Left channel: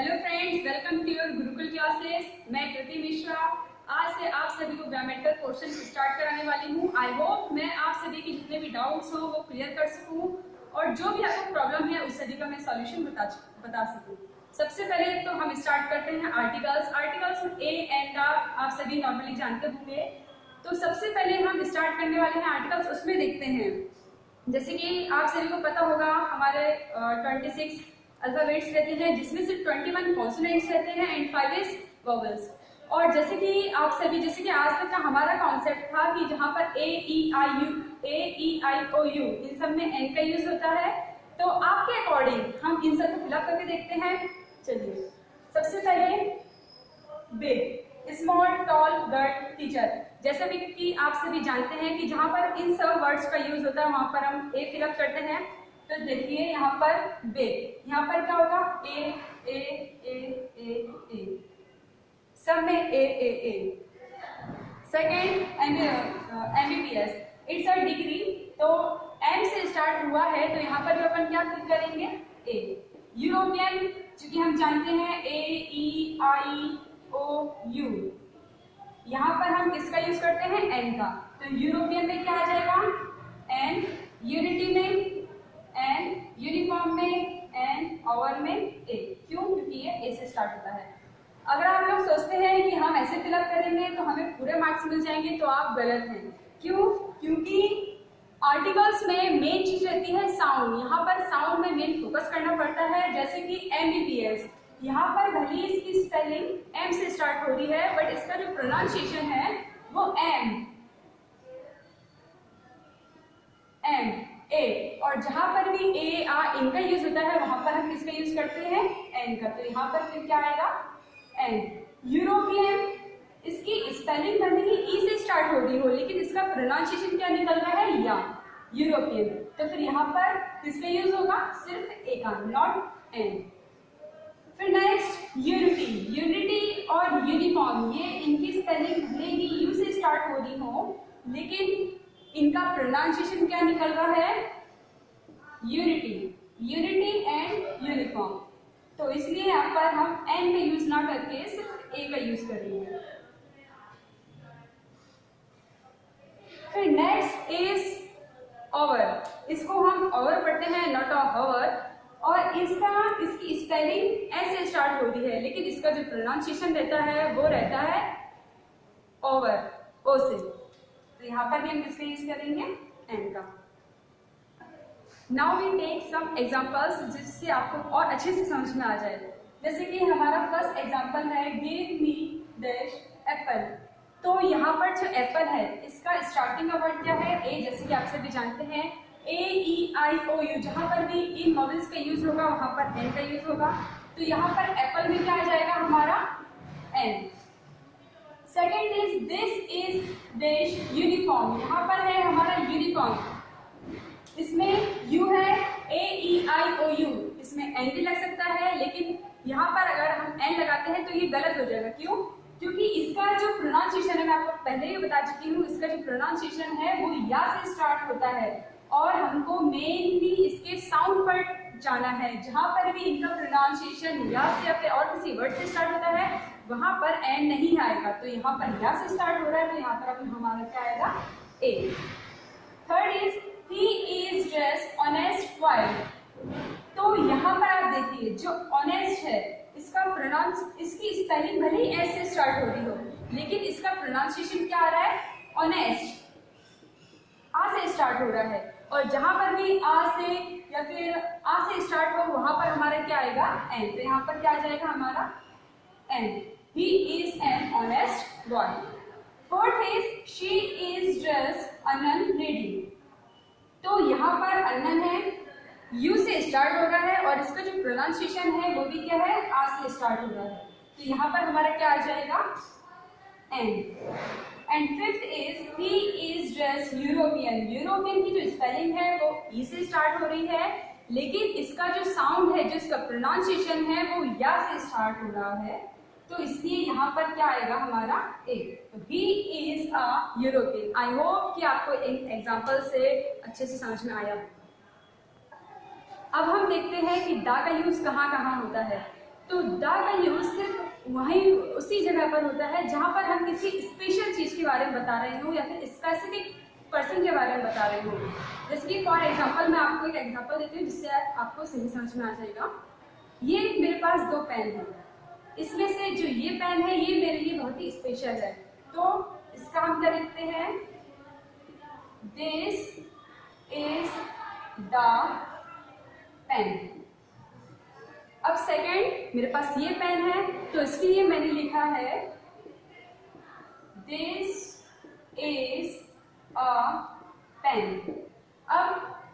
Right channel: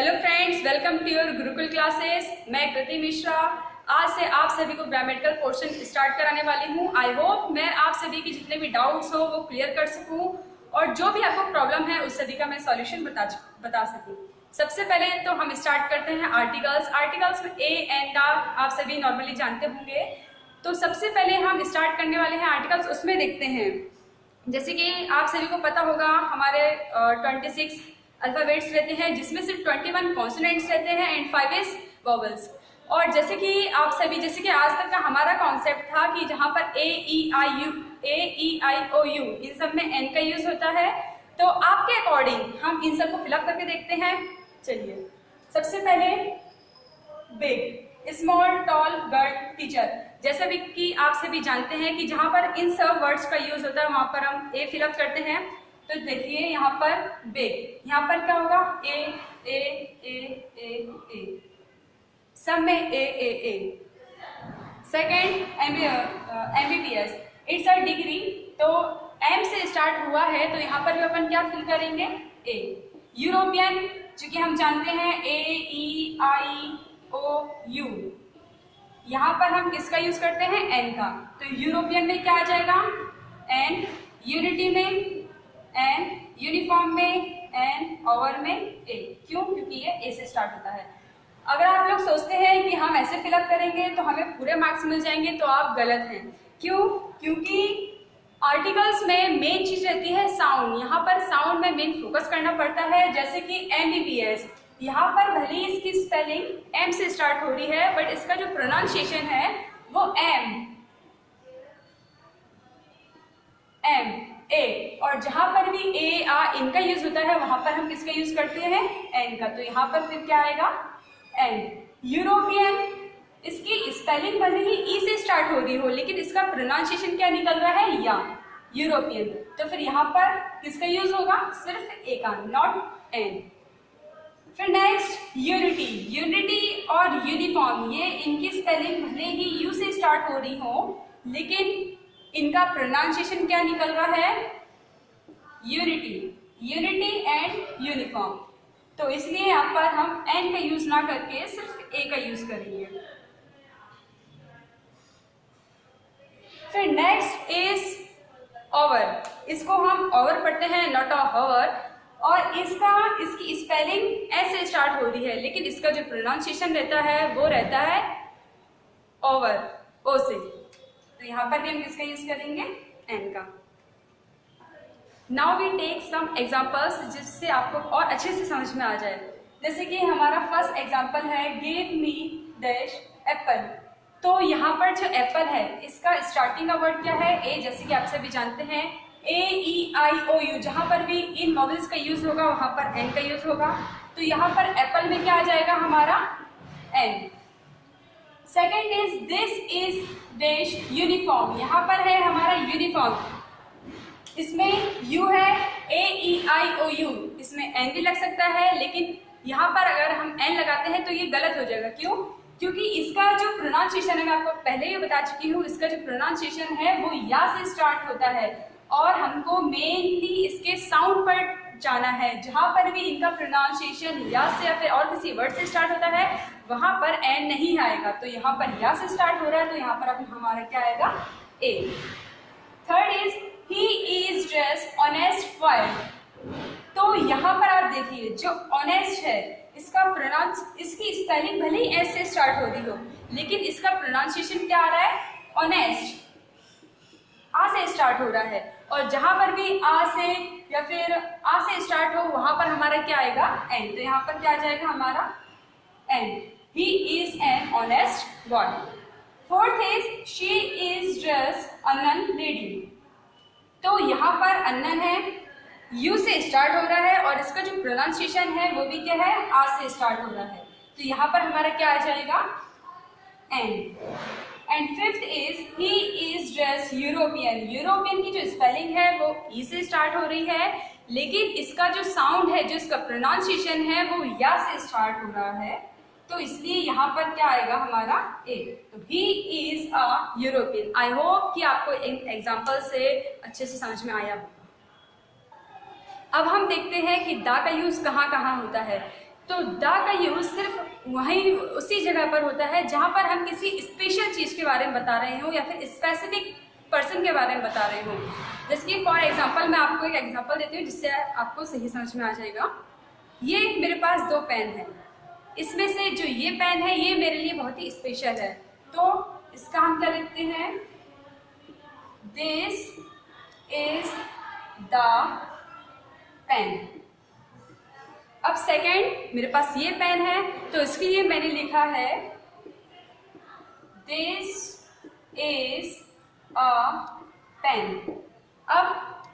Hello friends, welcome to your Gurukul classes. मैं कृति मिश्रा आज से आप सभी को ग्रामेटिकल पोर्शन स्टार्ट कराने वाली हूँ। आई होप मैं आप सभी के जितने भी डाउट्स हो वो क्लियर कर सकूँ और जो भी आपको प्रॉब्लम है उस सभी का मैं सॉल्यूशन बता सकूँ। सबसे पहले तो हम स्टार्ट करते हैं आर्टिकल्स में ए एंड आप सभी नॉर्मली जानते होंगे। तो सबसे पहले हम स्टार्ट करने वाले हैं आर्टिकल्स, उसमें देखते हैं। जैसे कि आप सभी को पता होगा हमारे 26 अल्फाबेट्स रहते हैं, जिसमें सिर्फ 21 कॉन्सोनेंट्स रहते हैं एंड 5 इज वोवेल्स। और जैसे कि आज तक का हमारा कॉन्सेप्ट था कि जहाँ पर ए ई आई ओ यू इन सब में एन का यूज होता है। तो आपके अकॉर्डिंग हम इन सब को फिलअप करके देखते हैं। चलिए, सबसे पहले big, small, tall, girl, teacher. जैसे भी कि आप सभी जानते हैं कि जहाँ पर इन सब वर्ड्स का यूज होता है वहाँ पर हम ए फिलअप करते हैं। तो देखिए यहाँ पर बिग, यहाँ पर क्या होगा ए ए ए ए ए, सब में A. Second MBBS, it's a degree. तो एम से स्टार्ट हुआ है तो यहाँ पर भी अपन क्या फिल करेंगे ए। यूरोपियन, चूंकि हम जानते हैं AEIOU, यहाँ पर हम किसका यूज करते हैं एन का। तो यूरोपियन में क्या आ जाएगा एन, यूनिटी में एन, यूनिफॉर्म में एन, ओवर में ए। क्यों? क्योंकि ये ए से स्टार्ट होता है। अगर आप लोग सोचते हैं कि हम ऐसे फिलअप करेंगे तो हमें पूरे मार्क्स मिल जाएंगे तो आप गलत हैं। क्यों? क्योंकि आर्टिकल्स में मेन चीज रहती है साउंड। यहाँ पर साउंड में मेन फोकस करना पड़ता है। जैसे कि MBBS, यहाँ पर भले ही इसकी स्पेलिंग एम से स्टार्ट हो रही है बट इसका जो प्रोनाउंसिएशन है वो एम ए। और जहां पर भी ए आ इनका यूज होता है वहां पर हम किसका यूज करते हैं एन का। तो यहाँ पर फिर क्या आएगा एन। यूरोपियन, इसकी स्पेलिंग भले ही ई से स्टार्ट हो रही हो लेकिन इसका प्रोनाउंसिएशन क्या निकल रहा है या, यूरोपियन। तो फिर यहाँ पर किसका यूज होगा सिर्फ ए का, नॉट एन। फिर नेक्स्ट यूनिटी और यूनिफॉर्म, ये इनकी स्पेलिंग भले ही यू से स्टार्ट हो रही हो लेकिन इनका प्रोनाउंसिएशन क्या निकल रहा है यूनिटी एंड यूनिफॉर्म। तो इसलिए यहाँ पर हम एन का यूज ना करके सिर्फ ए का यूज करेंगे। फिर नेक्स्ट इज ओवर, इसको हम ओवर पढ़ते हैं, नॉट अ हॉवर। और इसकी स्पेलिंग एस से स्टार्ट हो रही है लेकिन इसका जो प्रोनाउंसिएशन रहता है वो रहता है ओवर, ओ से। तो यहाँ पर भी हम किसका यूज करेंगे एन का। Now we take some examples जिससे आपको और अच्छे से समझ में आ जाए। जैसे कि हमारा फर्स्ट एग्जांपल है गिव मी डैश एप्पल। तो यहाँ पर जो एप्पल है इसका स्टार्टिंग का वर्ड क्या है ए। जैसे कि आप सभी जानते हैं AEIOU, जहाँ पर भी इन वोवेल्स का यूज होगा वहां पर एन का यूज होगा। तो यहाँ पर एप्पल में क्या आ जाएगा हमारा an. Second is this is dash uniform, यहाँ पर है हमारा यूनिफॉर्म, इसमें यू है AEIOU, इसमें एन भी लग सकता है लेकिन यहाँ पर अगर हम एन लगाते हैं तो ये गलत हो जाएगा। क्यों? क्योंकि इसका जो प्रोनाउंसिएशन है, मैं आपको पहले ही बता चुकी हूँ, इसका जो प्रोनाउंसिएशन है वो या से स्टार्ट होता है और हमको मेनली इसके साउंड पर जाना है। जहाँ पर भी इनका प्रोनाउंसिएशन या से या फिर और किसी वर्ड से स्टार्ट होता है वहां पर एन नहीं आएगा। तो यहाँ पर या से स्टार्ट हो रहा है तो यहाँ पर अब हमारा क्या आएगा A. Third is he is dressed honest while. तो यहाँ पर आप देखिए जो ऑनेस्ट है इसकी स्पेलिंग भले ही एस से स्टार्ट होती हो लेकिन इसका प्रोनाउंसिएशन क्या आ रहा है ऑनेस्ट, आ से स्टार्ट हो रहा है। और जहां पर भी आ से या फिर आ से स्टार्ट हो वहां पर हमारा क्या आएगा एन। तो यहाँ पर क्या आ जाएगा हमारा an. He is an honest boy. Fourth is she is dressed a nun lady. तो यहाँ पर अन्नन है, यू से स्टार्ट हो रहा है और इसका जो प्रोनाउंसिएशन है वो भी क्या है आ से स्टार्ट हो रहा है। तो यहाँ पर हमारा क्या आ जाएगा an. And fifth is he is dressed European. European की जो स्पेलिंग है वो ई से स्टार्ट हो रही है लेकिन इसका जो साउंड है, जो इसका प्रोनाउंसिएशन है वो या से स्टार्ट हो रहा है। तो इसलिए यहाँ पर क्या आएगा हमारा ए। तो he is a European. I hope कि आपको एग्जाम्पल से अच्छे से समझ में आया। अब हम देखते हैं कि दा का यूज कहाँ कहाँ होता है। तो द का यूज सिर्फ वहीं उसी जगह पर होता है जहाँ पर हम किसी स्पेशल चीज़ के बारे में बता रहे हो या फिर स्पेसिफिक पर्सन के बारे में बता रहे हो। जैसे कि फॉर एग्जांपल मैं आपको एक एग्जांपल देती हूँ जिससे आपको सही समझ में आ जाएगा। ये मेरे पास 2 पेन है, इसमें से जो ये पेन है ये मेरे लिए बहुत ही स्पेशल है, तो इसका हम क्या लिखते हैं, दिस इज द पेन। अब सेकेंड मेरे पास ये पेन है तो इसके लिए मैंने लिखा है दिस इज अ पेन। अब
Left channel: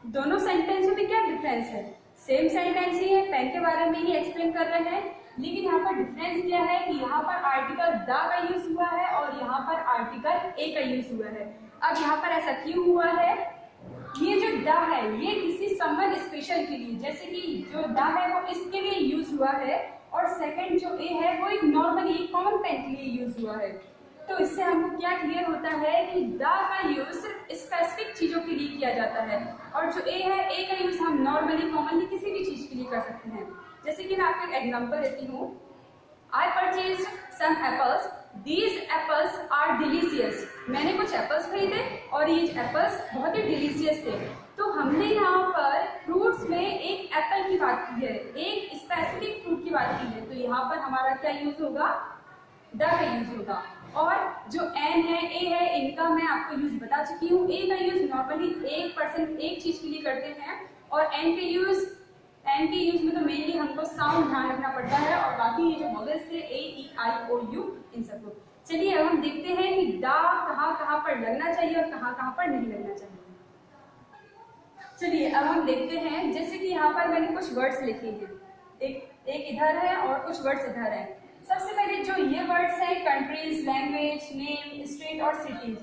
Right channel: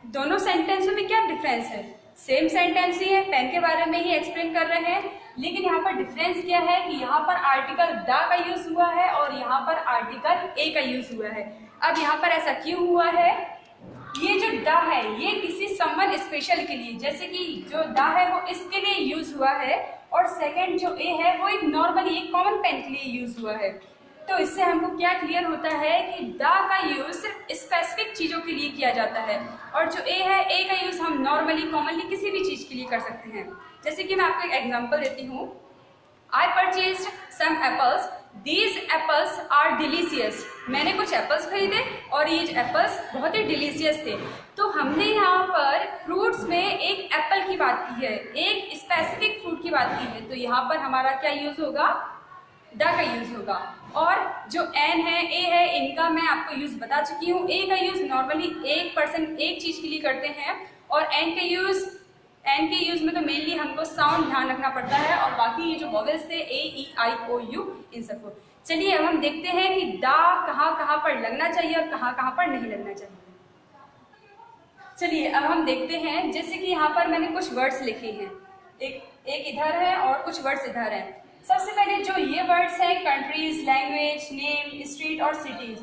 दोनों सेंटेंसों में क्या डिफरेंस है, सेम सेंटेंस ही है, पेन के बारे में ही एक्सप्लेन कर रहे हैं, लेकिन यहाँ पर डिफरेंस क्या है कि यहाँ पर आर्टिकल द का यूज हुआ है और यहाँ पर आर्टिकल ए का यूज हुआ है। अब यहाँ पर ऐसा क्यों हुआ है, ये जो द है ये किसी समवन स्पेशल के लिए, जैसे कि जो द है वो इसके लिए यूज हुआ है और सेकंड जो ए है वो एक नॉर्मली एक कॉमन पेन के लिए यूज हुआ है। तो इससे हमको क्या क्लियर होता है कि द का यूज स्पेसिफिक चीजों के लिए किया जाता है और जो ए है ए का यूज हम नॉर्मली कॉमनली किसी भी चीज के लिए कर सकते हैं। जैसे कि मैं आपको एक एग्जांपल देती हूँ, I purchased some apples, these apples are delicious. मैंने कुछ एप्पल्स खरीदे और ये एप्पल्स बहुत ही डिलीशियस थे। तो हमने यहाँ पर फ्रूट्स में एक एप्पल की बात की है, एक स्पेसिफिक फ्रूट की बात की है, तो यहाँ पर हमारा क्या यूज होगा, द का यूज होगा। और जो एन है ए है इनका मैं आपको यूज बता चुकी हूँ। ए का यूज नॉर्मली एक पर्सन एक चीज के लिए करते हैं और एन के यूज में तो मेनली हमको साउंड ध्यान रखना पड़ता है और बाकी ये जो वॉवेल्स थे ए ई आई ओ यू इन सबको। चलिए अब हम देखते हैं कि द कहाँ पर लगना चाहिए और कहाँ पर नहीं लगना चाहिए। चलिए अब हम देखते हैं, जैसे कि यहाँ पर मैंने कुछ वर्ड्स लिखे हैं, एक इधर है और कुछ वर्ड्स इधर है। सबसे पहले जो ये वर्ड्स हैं कंट्रीज, लैंग्वेज, नेम, स्ट्रीट और सिटीज,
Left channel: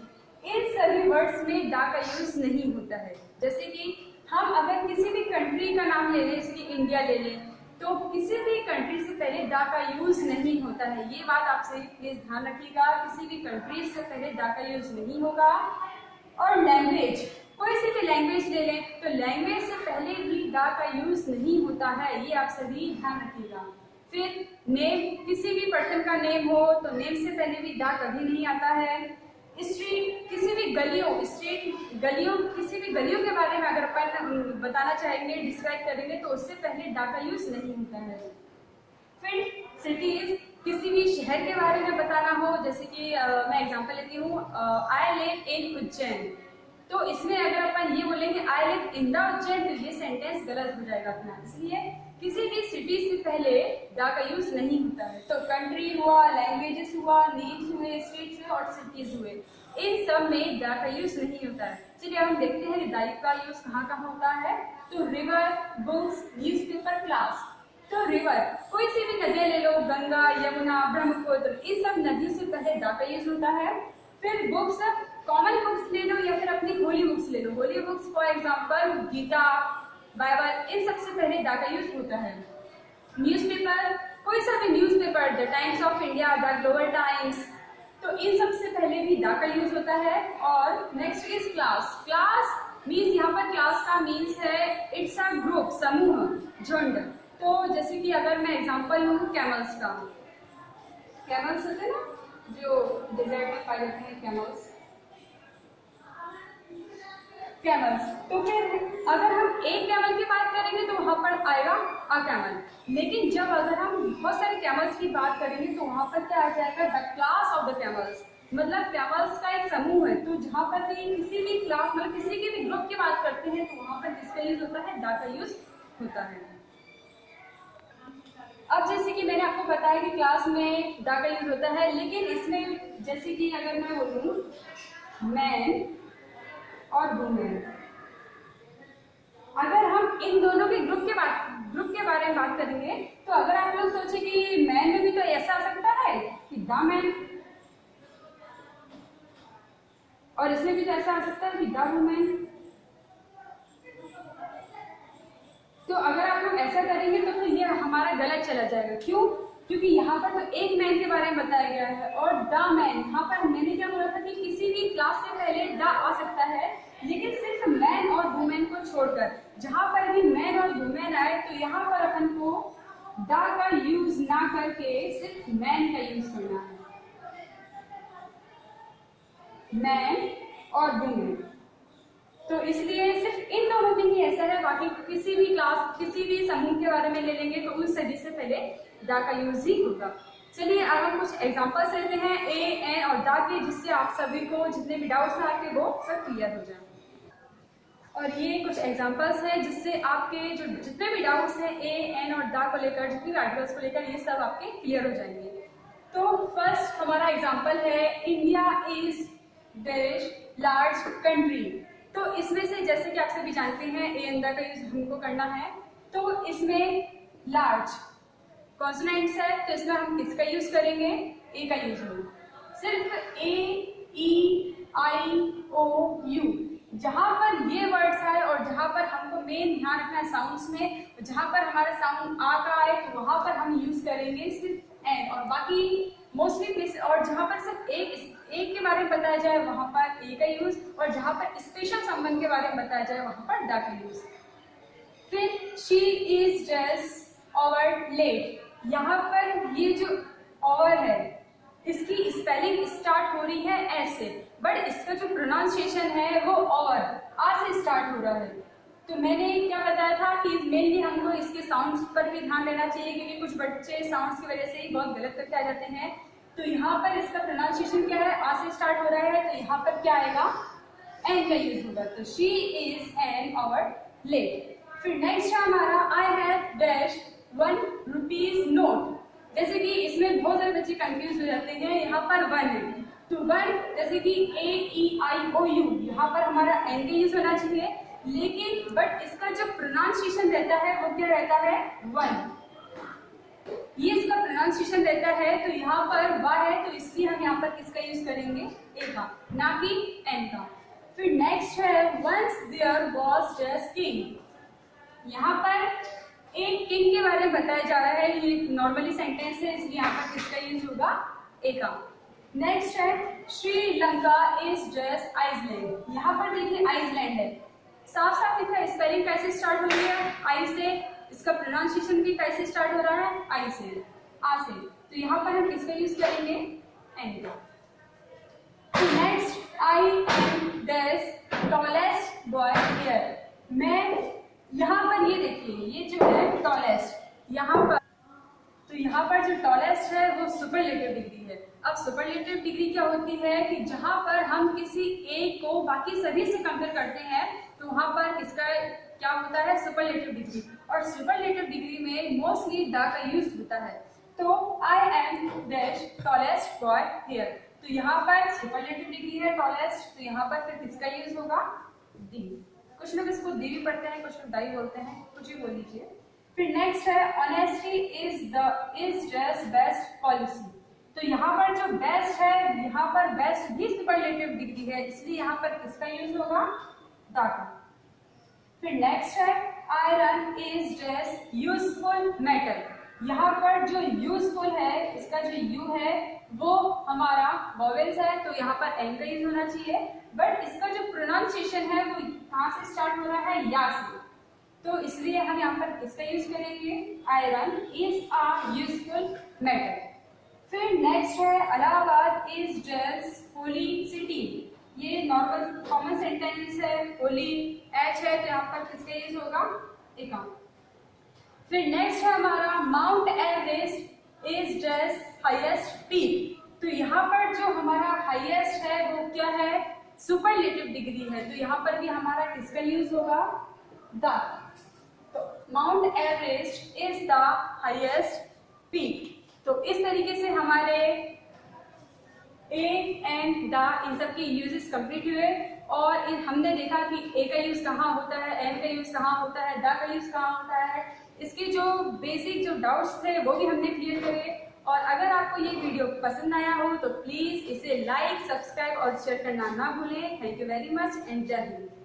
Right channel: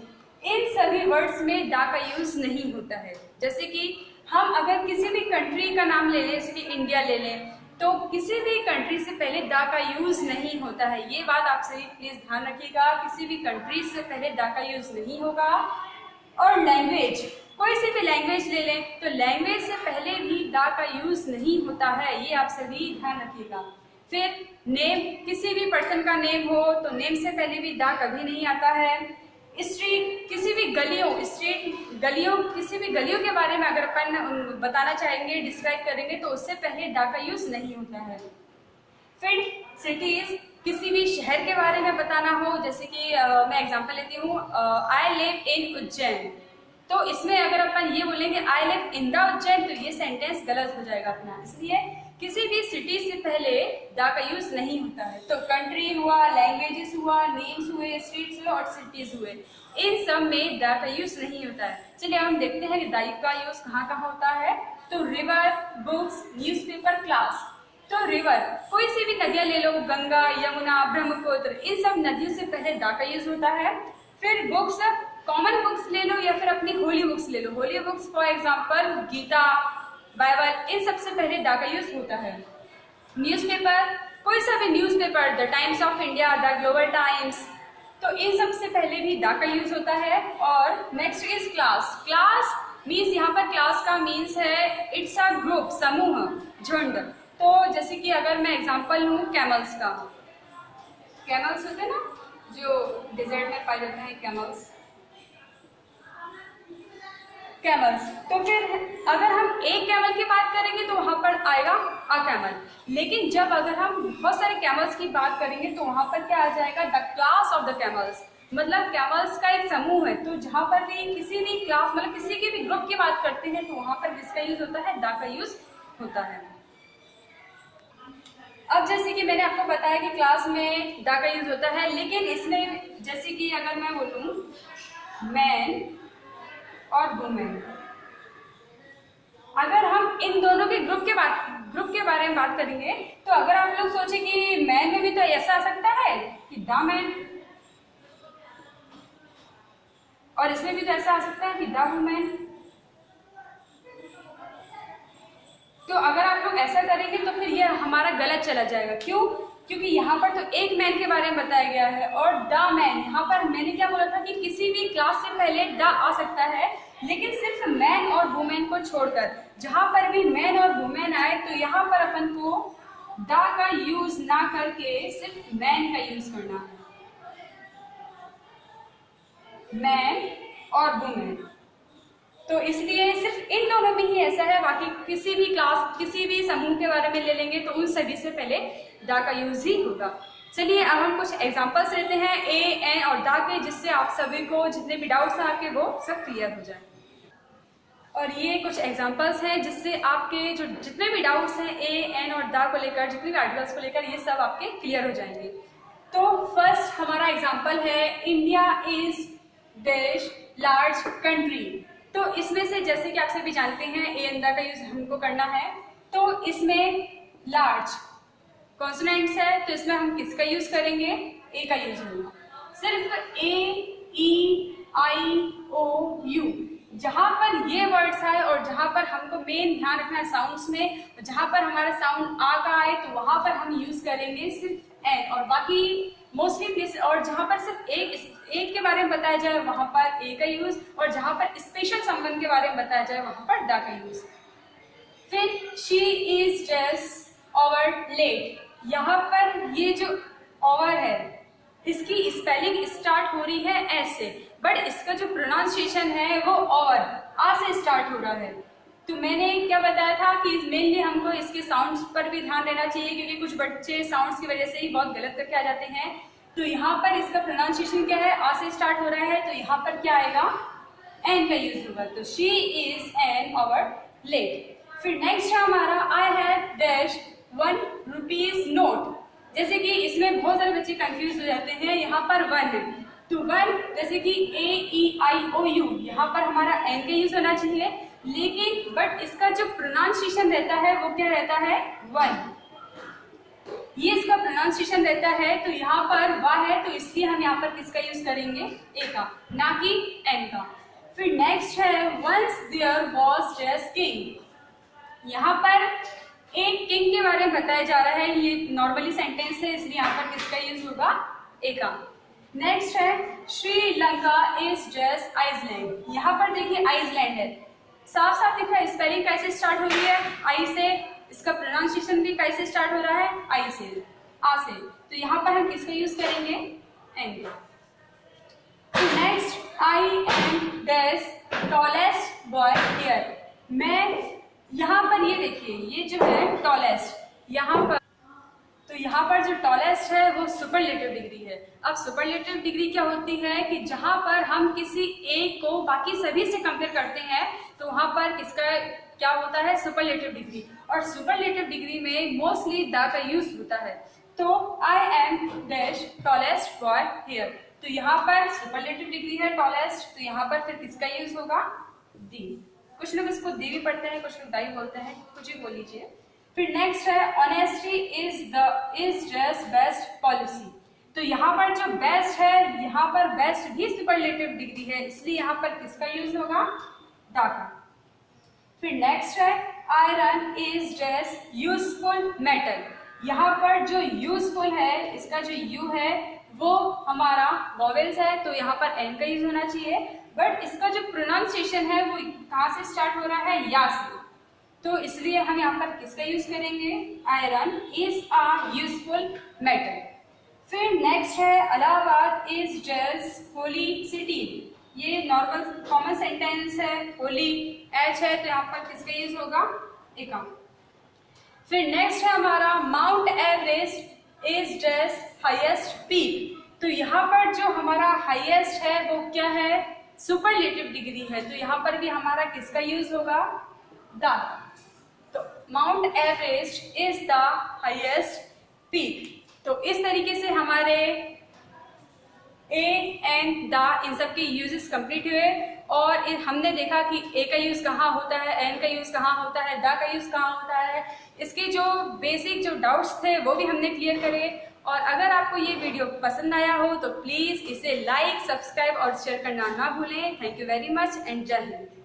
इन सभी वर्ड्स में द का यूज नहीं होता है। जैसे कि हम अगर किसी भी कंट्री का नाम ले लें, जैसे कि इंडिया ले लें, तो किसी भी कंट्री से पहले द का यूज नहीं होता है। ये बात आप सही प्लीज ध्यान रखिएगा, किसी भी कंट्री से पहले द का यूज नहीं होगा। और लैंग्वेज, कोई सी भी लैंग्वेज ले लें तो लैंग्वेज से पहले भी द का यूज नहीं होता है, ये आप सभी ध्यान रखिएगा। फिर नेम, किसी भी पर्सन का नेम हो तो नेम से पहले भी द कभी नहीं आता है। स्ट्रीट, किसी भी गलियों किसी भी गलियों के बारे में अगर अपन बताना चाहेंगे, डिस्क्राइब करेंगे तो उससे पहले द का यूज नहीं होता है। फिर सिटीज, किसी भी शहर के बारे में बताना हो, जैसे कि मैं एग्जांपल लेती हूँ, आई लिव इन उज्जैन, तो इसमें अगर अपन ये बोलेंगे I live in the Ujjain तो ये सेंटेंस गलत हो जाएगा अपना, इसलिए किसी भी सिटी से पहले द का यूज नहीं होता है। तो कंट्री हुआ, लैंग्वेजेस हुआ, नेम्स हुए, स्ट्रीट्स हुए और सिटीज हुए, इन सब में द का यूज नहीं होता है। चलिए हम देखते हैं कि द का यूज कहाँ होता है। तो रिवर, बुक्स, न्यूज़पेपर, क्लास। तो रिवर, कोई सी भी नदियाँ ले लो, गंगा, यमुना, ब्रह्मपुत्र, इन सब नदियों से पहले द का यूज होता है। फिर बुक्स, कॉमन बुक्स ले लो या फिर अपनी होली बुक्स ले लो, holy books for example Gita, Bible, इन सबसे पहले द का यूज होता है। न्यूज़पेपर, कोई सा भी newspaper, the times of India, the global times, तो इन सबसे पहले भी द का यूज होता है। और next is class. Class means, यहाँ पर क्लास का मीन्स है इट्स अ ग्रुप, समूह, झुंड। तो जैसे कि अगर मैं एग्जांपल लूँ कैमल्स का, कैमल्स होते हैं ना जो डेजर्ट में पाए जाते हैं, कैमल्स। तो फिर अगर हम एक कैमल की बात करेंगे तो वहाँ पर आएगा अ कैमल, लेकिन जब अगर हम बहुत सारे कैमल्स की बात करेंगे तो वहाँ पर क्या आ जाएगा, the class of the camels, मतलब कैमल्स का एक समूह है। तो जहाँ पर भी किसी भी क्लास मतलब किसी के भी ग्रुप की बात करते हैं तो वहाँ पर किसका यूज होता है, द का यूज होता है। अब जैसे कि मैंने आपको बताया कि क्लास में द का यूज होता है, लेकिन इसमें जैसे कि अगर मैं बोलूँ मैन और वुमेन, अगर हम इन दोनों के ग्रुप के बारे में बात करेंगे तो अगर आप लोग सोचे कि मैन में भी तो ऐसा आ सकता है कि द मैन, और इसमें भी तो ऐसा आ सकता है कि द वुमेन। तो अगर आप लोग ऐसा करेंगे तो फिर ये हमारा गलत चला जाएगा। क्यों? क्योंकि यहाँ पर तो एक मैन के बारे में बताया गया है और द मैन, यहाँ पर मैंने क्या बोला था कि किसी भी क्लास से पहले द आ सकता है, लेकिन सिर्फ मैन और वुमेन को छोड़कर। जहाँ पर भी मैन और वुमेन आए तो यहाँ पर अपन को दा का यूज ना करके सिर्फ मैन का यूज करना है, मैन और वुमेन। तो इसलिए सिर्फ इन दोनों में ही ऐसा है, बाकी किसी भी क्लास किसी भी समूह के बारे में ले लेंगे तो उन सभी से पहले दा का यूज ही होगा। चलिए अब हम कुछ एग्जांपल्स लेते हैं ए, एन और दा के, जिससे आप सभी को जितने भी डाउट्स हैं आपके वो सब क्लियर हो जाए। और ये कुछ एग्जांपल्स हैं जिससे आपके जो जितने भी डाउट्स हैं ए, एन और दा को लेकर, जितने भी आर्टिकल्स को लेकर, ये सब आपके क्लियर हो जाएंगे। तो फर्स्ट हमारा एग्जांपल है India is dash large country. तो इसमें से जैसे कि आप सभी जानते हैं ए एंड दा का यूज हमको करना है, तो इसमें लार्ज कॉन्सोनेंट्स है, तो इसमें हम किसका यूज करेंगे, ए का यूज होगा। सिर्फ ए, ई, आई, ओ, यू, जहां पर ये वर्ड्स है और जहां पर हमको मेन ध्यान रखना है साउंड्स में, जहां पर हमारा साउंड आ का आए तो वहां पर हम यूज करेंगे सिर्फ एन, और बाकी मोस्टली और जहां पर सिर्फ एक के बारे में बताया जाए वहां पर ए का यूज, और जहां पर स्पेशल संबंध के बारे में बताया जाए वहां पर दा का यूज। फिर she is just over late, यहाँ पर ये जो ओवर है इसकी स्पेलिंग स्टार्ट हो रही है एस से, बट इसका जो प्रोनाउंसिएशन है वो और आ से स्टार्ट हो रहा है। तो मैंने क्या बताया था कि मेनली हमको इसके साउंड्स पर भी ध्यान देना चाहिए, क्योंकि कुछ बच्चे साउंड्स की वजह से ही बहुत गलत करके आ जाते हैं। तो यहाँ पर इसका प्रोनाउंसिएशन क्या है, आ से स्टार्ट हो रहा है, तो यहाँ पर क्या आएगा, एन का यूज होगा। तो she is an over late. फिर नेक्स्ट है हमारा I have dash 1 rupees note. जैसे कि इसमें बहुत सारे बच्चे कंफ्यूज हो जाते हैं, यहाँ पर 1 है, तो 1 जैसे कि ए, ई, आई, ओ, यू, यहाँ पर हमारा एन का यूज होना चाहिए, लेकिन बट इसका जो प्रोनाउंसिएशन रहता है वो क्या रहता है, 1, ये इसका प्रोनाउंसिएशन रहता है। तो यहाँ पर वाह है, तो इसलिए हम यहाँ पर किसका यूज करेंगे, ए का, ना कि एन का। फिर नेक्स्ट है once there was just king. यहाँ पर एक किंग के बारे में बताया जा रहा है, ये नॉर्मली सेंटेंस है, इसलिए यहाँ पर किसका यूज होगा, ए का। नेक्स्ट है श्रीलंका इज जस्ट आइसलैंड। यहाँ पर देखिए आइसलैंड है, साफ साफ दिख रहा है, स्पेलिंग कैसे स्टार्ट हो रही है, आई से, इसका प्रोनाउंसिएशन भी कैसे स्टार्ट हो रहा है, आई से, आ से। तो यहाँ पर हम किसका यूज करेंगे, एन का। Next I am dash tallest boy here. मैं यहाँ पर ये देखिए, ये जो है टॉलेस्ट, यहाँ पर, तो यहाँ पर जो टॉलेस्ट है वो सुपरलेटिव डिग्री है। अब सुपरलेटिव डिग्री क्या होती है कि जहाँ पर हम किसी एक को बाकी सभी से कंपेयर करते हैं तो वहाँ पर किसका क्या होता है, सुपरलेटिव डिग्री। और सुपरलेटिव डिग्री में मोस्टली द का यूज होता है। तो I am dash tallest boy here, तो यहाँ पर सुपरलेटिव डिग्री है टॉलेस्ट, तो यहाँ पर फिर किसका यूज होगा, दी। कुछ लोग इसको दी भी पढ़ते हैं, कुछ लोग दाई बोलते हैं, कुछ भी बोल लीजिए। फिर नेक्स्ट है honesty is just best policy. तो यहाँ पर जो बेस्ट है, यहाँ पर बेस्ट भी सुपरलेटिव डिग्री है, इसलिए यहाँ पर किसका यूज होगा, दा का। फिर नेक्स्ट है iron is just useful metal. यहाँ पर जो यूजफुल है, इसका जो यू है वो हमारा वॉवेल्स है, तो यहाँ पर एन का यूज होना चाहिए, बट इसका जो प्रोनाउंसिएशन है वो कहाँ से स्टार्ट हो रहा है, या से, तो इसलिए हम यहाँ पर किसका यूज करेंगे, iron is a useful metal. फिर नेक्स्ट है Allahabad is just holy city. ये नॉर्मल कॉमन सेंटेंस है, होली एच है, तो यहाँ पर किसका यूज होगा, ए का। फिर नेक्स्ट है हमारा mount Everest is just highest peak. तो यहाँ पर जो हमारा हाईएस्ट है वो क्या है, सुपरलेटिव डिग्री है, तो यहाँ पर भी हमारा किसका यूज होगा, द। तो mount Everest is the highest peak. तो इस तरीके से हमारे ए एंड द इन सब के यूजेस कंप्लीट हुए, और हमने देखा कि ए का यूज कहाँ होता है, एन का यूज कहाँ होता है, द का यूज कहाँ होता है। इसके जो बेसिक जो डाउट्स थे वो भी हमने क्लियर करे। और अगर आपको ये वीडियो पसंद आया हो तो प्लीज इसे लाइक, सब्सक्राइब और शेयर करना ना भूलें। Thank you very much and जय हिंद।